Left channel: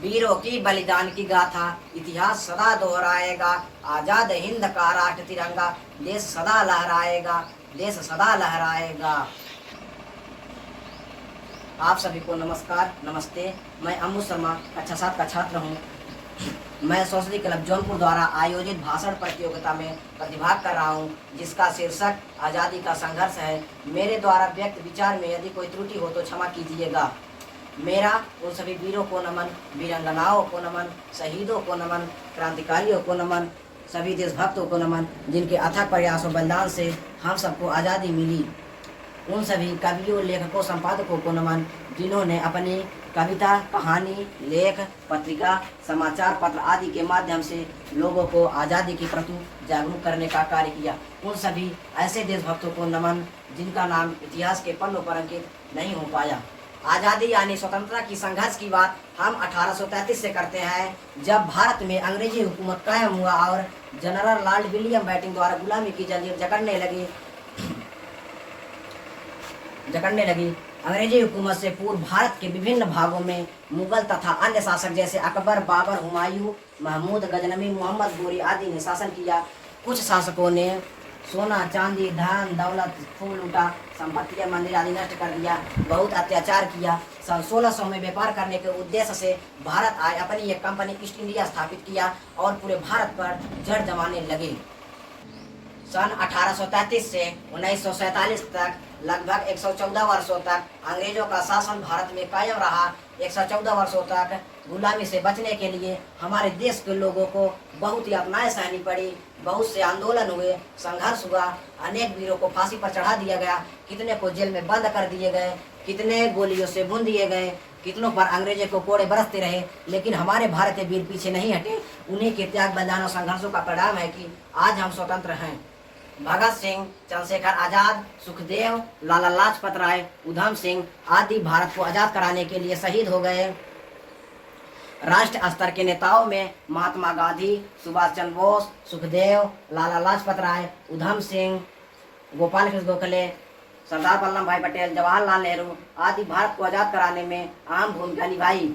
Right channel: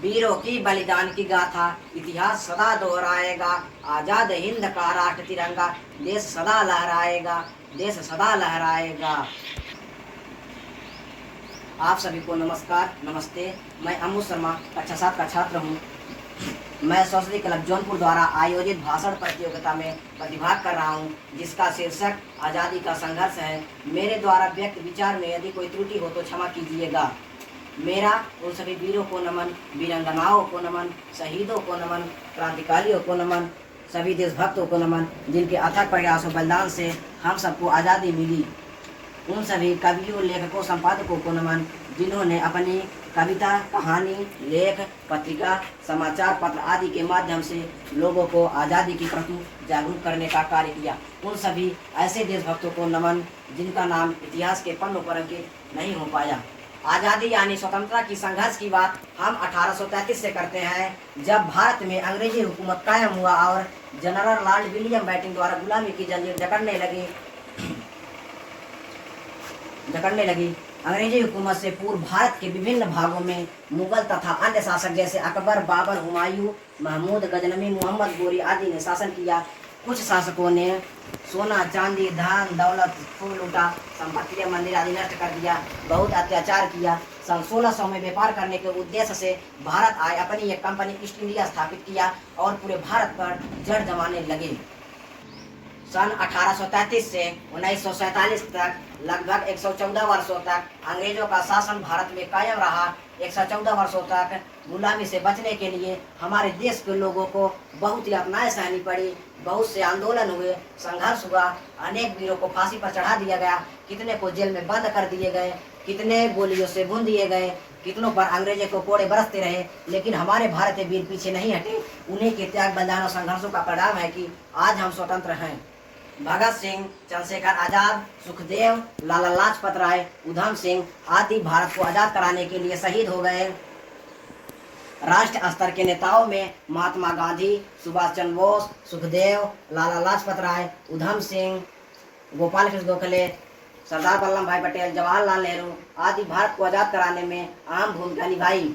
वीरों की बलिदान की गाथा इतिहास सदा दोहराएगा। आजाद हिंद का राष्ट्र तिरंगा देश सदा लहराएगा, देश सदा लहराएगा। आप सभी को नमस्कार, नमस्ते। मैं अमू शर्मा कक्षा 7 का छात्र हूँ। मैं सरस्वती क्लब जौनपुर द्वारा आयोजित भाषण प्रतियोगिता में प्रतिभाग कर रहा हूँ, जिसका शीर्षक आज़ादी का संघर्ष है। मेरे द्वारा व्यक्त विचार में यदि कोई त्रुटि हो तो क्षमा कीजिएगा। मेरा उन सभी वीरों को नमन, वीरांगनाओं को नमन, शहीदों को नमन, क्रांतिकारियों को नमन, सभी देशभक्तों को नमन, जिनके अथक प्रयासों बलिदान से हम सबको आज़ादी मिली। उन सभी कवियों, लेखकों, संपादकों को नमन, जिन्होंने अपनी कविता, कहानी, लेख, पत्रिका, समाचार पत्र आदि के माध्यम से लोगों को आज़ादी के प्रति जागरूक करने का कार्य किया। उन सभी ऐसे देशभक्तों को नमन, जिनका नाम इतिहास के पन्नों पर अंकित नहीं हो पाया। आज़ादी यानी स्वतंत्रता की संघर्ष की बात हम 1833 से करते हैं, जब भारत में अंग्रेजी हुकूमत कायम हुआ और जनरल लॉर्ड विलियम बेंटिंक द्वारा गुलामी की जंजीर जकड़ने लगी। अंग्रेजी हुकूमत से पूर्व भारत के विभिन्न भागों में मुगल तथा अन्य शासक जैसे अकबर, बाबर, हुमायूं, महमूद गजनवी, मोहम्मद गोरी आदि ने शासन किया। कुछ शासकों ने सोना, चांदी, धन दौलत खूब लूटा, संपत्ति, मंदिर आदि नष्ट कर दिया, बहुत अत्याचार किया। सन 1600 में व्यापार करने के उद्देश्य से भारत आए, अपनी एक कंपनी ईस्ट इंडिया स्थापित किया और पूरे भारत पर जड़ जमाने लगे। सन 1833 से 1947 तक लगभग 114 वर्षों तक अंग्रेजों का शासन भारत में कायम रहा। 114 वर्षों तक गुलामी से बचने के लिए हमारे देश के लोगों को बहुत यातनाएं सहनी पड़ी, बहुत से आंदोलन हुए, संघर्ष हुआ, अनेक वीरों को फांसी पर चढ़ा दिया गया, कितने को जेल में बंद कर दिए गए, कितने गोलियों से भून दिए गए, कितनों पर अंग्रेजों को कोड़े बरसते रहे, लेकिन हमारे भारतीय वीर पीछे नहीं हटे। उन्हीं के त्याग, बलिदान और संघर्षों का परिणाम है कि आज हम स्वतंत्र हैं। भगत सिंह, चंद्रशेखर आजाद, सुखदेव, लाला लाजपत राय, उधम सिंह आदि भारत को आजाद कराने के लिए शहीद हो गए। राष्ट्र स्तर के नेताओं में महात्मा गांधी, सुभाष चंद्र बोस, सुखदेव, लाला लाजपत राय, उधम सिंह, गोपाल कृष्ण गोखले, सरदार वल्लभ भाई पटेल, जवाहरलाल नेहरू आदि भारत को आजाद कराने में अहम भूमिका निभाई।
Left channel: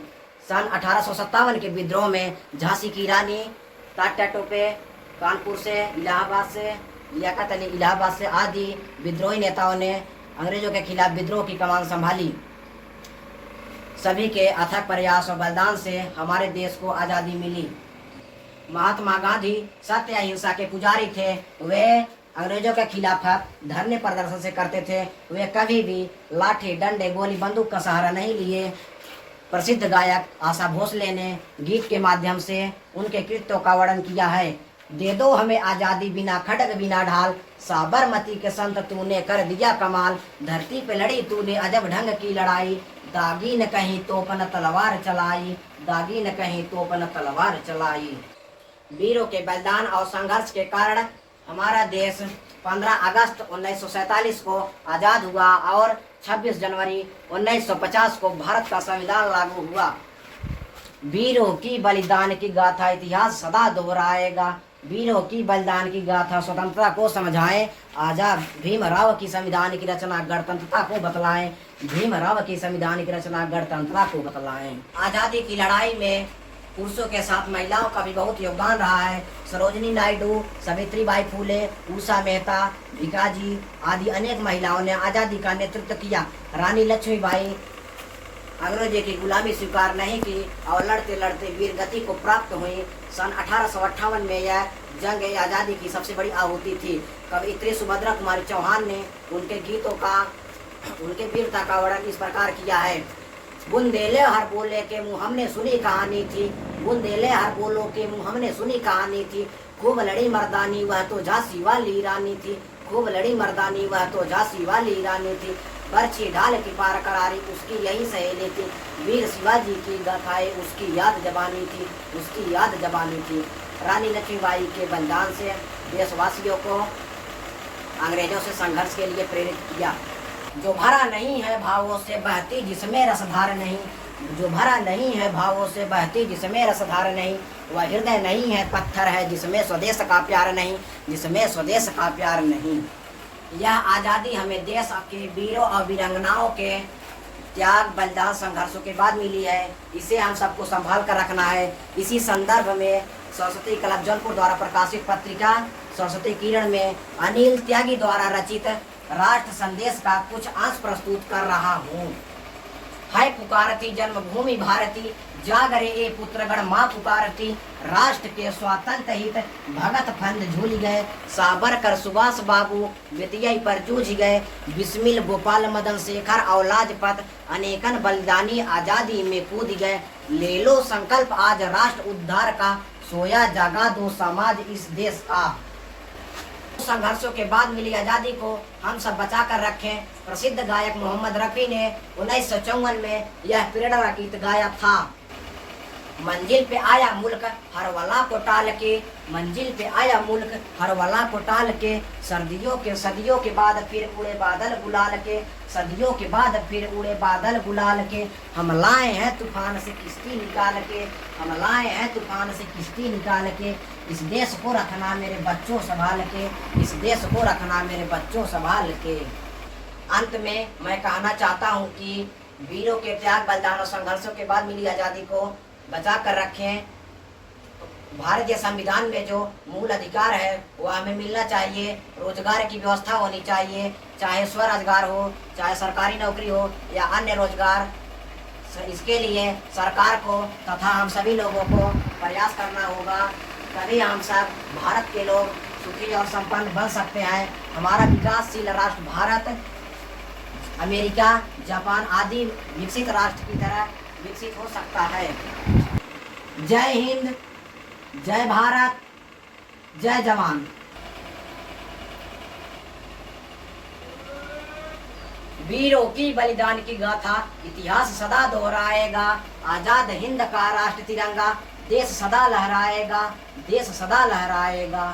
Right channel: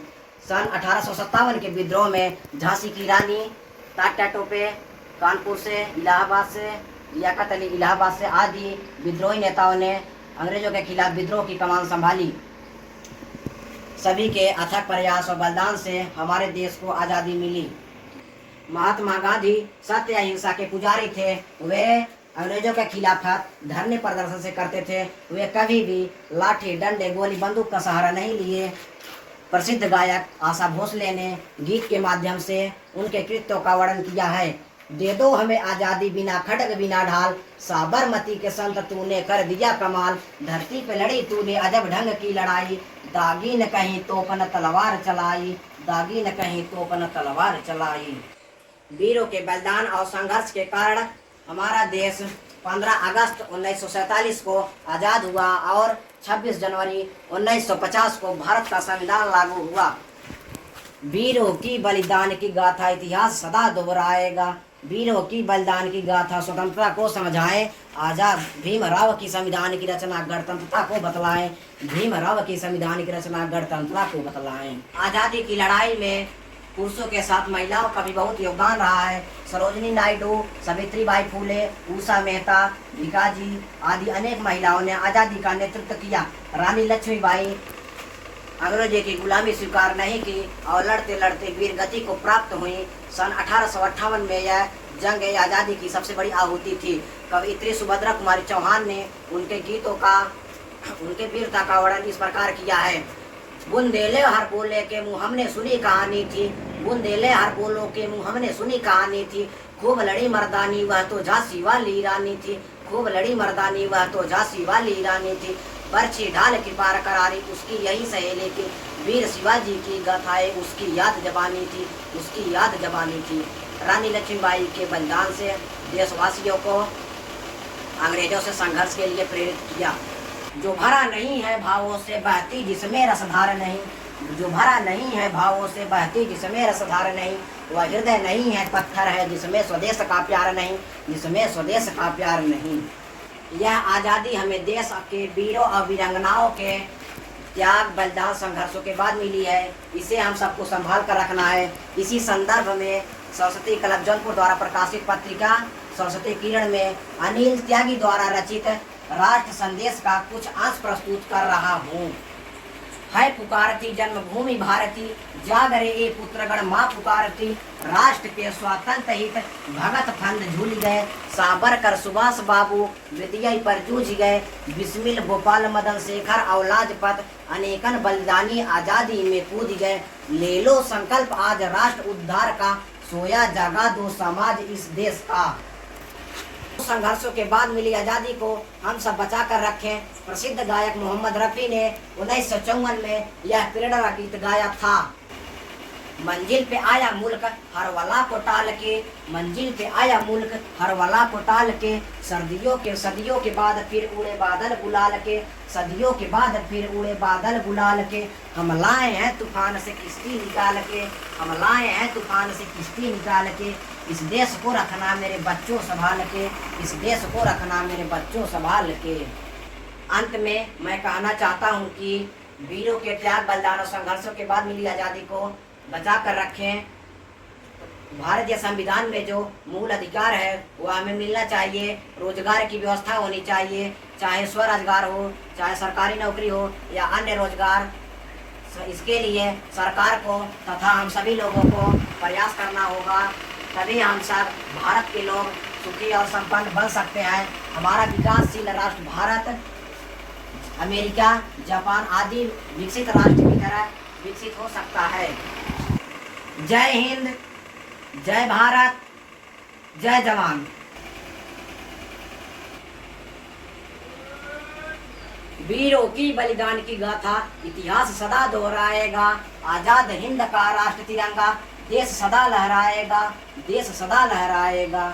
सन 1857 के विद्रोह में झांसी की रानी, तात्या टोपे, कानपुर से, इलाहाबाद से, लियाकत अली इलाहाबाद से आदि विद्रोही नेताओं ने अंग्रेजों के खिलाफ विद्रोह की कमान संभाली। सभी के अथक प्रयास और बलिदान से हमारे देश को आज़ादी मिली। महात्मा गांधी सत्य अहिंसा के पुजारी थे। वे अंग्रेजों के खिलाफ धरने प्रदर्शन से करते थे। वे कभी भी लाठी, डंडे, गोली, बंदूक का सहारा नहीं लिए। प्रसिद्ध गायक आशा भोसले ने गीत के माध्यम से उनके कृत्यों का वर्णन किया है। दे दो हमें आजादी बिना खड्ग बिना ढाल, साबरमती के संत तूने कर दिया कमाल। धरती पे लड़ी तूने अजब ढंग की लड़ाई, दागी न कहीं तोपन तलवार चलाई, दागी न कहीं तोपन तलवार चलाई। वीरों के बलिदान और संघर्ष के कारण हमारा देश 15 अगस्त 1947 को आज़ाद हुआ और 26 जनवरी 1950 को भारत का संविधान लागू हुआ। वीरों की बलिदान की गाथा इतिहास सदा दोहराएगा। वीरों की बलिदान की गाथा स्वतंत्रता को समझाएं। आजाद भीमराव की संविधान की रचना गणतंत्रता को बतलाएं। भीमराव की संविधान की रचना गणतंत्रता को बतलाएं। आज़ादी की लड़ाई में पुरुषों के साथ महिलाओं का भी बहुत योगदान रहा है। सरोजिनी नायडू, सावित्रीबाई फूले, उषा मेहता, भिकाजी आदि अनेक महिलाओं ने आज़ादी का नेतृत्व किया। रानी लक्ष्मीबाई अंग्रेजों की गुलामी स्वीकार नहीं की और लड़ते लड़ते वीर गति को प्राप्त हुई। सन 1858 में यह जंग आज़ादी की सबसे बड़ी आहुति थी। कवयित्री सुभद्रा कुमारी चौहान ने उनके गीतों का, उनके वीरता का वर्णन इस प्रकार किया है। बुंदेले हर बोले के मुँह हमने सुनी कहानी थी, बुंदेले हर बोलो के मुँह हमने सुनी कहानी थी। खूब लड़ी मर्दानी वह तो झांसी वाली रानी थी, खूब लड़ी मर्दानी वह तो झांसी वाली रानी थी। बर्छी ढाल की पार करारी उसकी यही सहेली थी। वीर शिवाजी की गाथाएं उसकी याद जबानी थी, उसकी याद जबानी थी। रानी लक्ष्मीबाई के बलिदान से देशवासियों को अंग्रेजों से संघर्ष के लिए प्रेरित किया। जो भरा नहीं है भावों से बहती जिसमें रसधार नहीं, जो भरा नहीं है भावों से बहती जिसमें रसधार नहीं, वह हृदय नहीं है पत्थर है जिसमें स्वदेश का प्यार नहीं, जिसमें स्वदेश का प्यार नहीं। यह आज़ादी हमें देश के वीरों और वीरांगनाओं के त्याग बलिदान संघर्षों के बाद मिली है। इसे हम सबको संभाल कर रखना है। इसी संदर्भ में सरस्वती क्लब जौनपुर द्वारा प्रकाशित पत्रिका सरस्वती किरण में अनिल त्यागी द्वारा रचित राष्ट्र संदेश का कुछ अंश प्रस्तुत कर रहा हूँ। है पुकारती जन्मभूमि भारती, जागरे ए पुत्रगण माँ पुकारती। राष्ट्र के स्वातंत्र हित भगत फंद झूल गए, सावरकर सुभाष बाबू विद्या पर जूझ गए। बिस्मिल गोपाल मदन शेखर और लाजपत अनेकन बलिदानी आजादी में कूद गए। ले लो संकल्प आज राष्ट्र उद्धार का, सोया जगा दो समाज इस देश का। संघर्षों के बाद मिली आजादी को हम सब बचा कर रखें। प्रसिद्ध गायक मोहम्मद रफी ने 1954 में यह प्रेरणा गीत गाया था। मंजिल पे आया मुल्क हर वला को टाल के, मंजिल पे आया मुल्क हर वला को टाल के। सदियों के बाद फिर उड़े बादल गुलाल के, सदियों के बाद फिर उड़े बादल गुलाल के। हम लाए हैं तूफान से किश्ती निकाल के, हम लाए हैं तूफान से किश्ती निकाल के। इस देश को रखना मेरे बच्चों संभाल के, इस देश को रखना मेरे बच्चों संभाल के। अंत में मैं कहना चाहता हूँ कि वीरों के त्याग बलिदान और संघर्षों के बाद मिली आज़ादी को बचा कर रखें। भारतीय संविधान में जो मूल अधिकार है वो हमें मिलना चाहिए। रोजगार की व्यवस्था होनी चाहिए, चाहे स्वरोजगार हो, चाहे सरकारी नौकरी हो या अन्य रोजगार। इसके लिए सरकार को तथा हम सभी लोगों को प्रयास करना होगा, तभी हम सब भारत के लोग सुखी और संपन्न बन सकते हैं। हमारा विकासशील राष्ट्र भारत अमेरिका, जापान आदि विकसित राष्ट्र की तरह विकसित हो सकता है। जय हिंद, जय भारत, जय जवान। वीरों की बलिदान की गाथा इतिहास सदा दोहराएगा। आजाद हिंद का राष्ट्र तिरंगा देश सदा लहराएगा, देश सदा लहराएगा।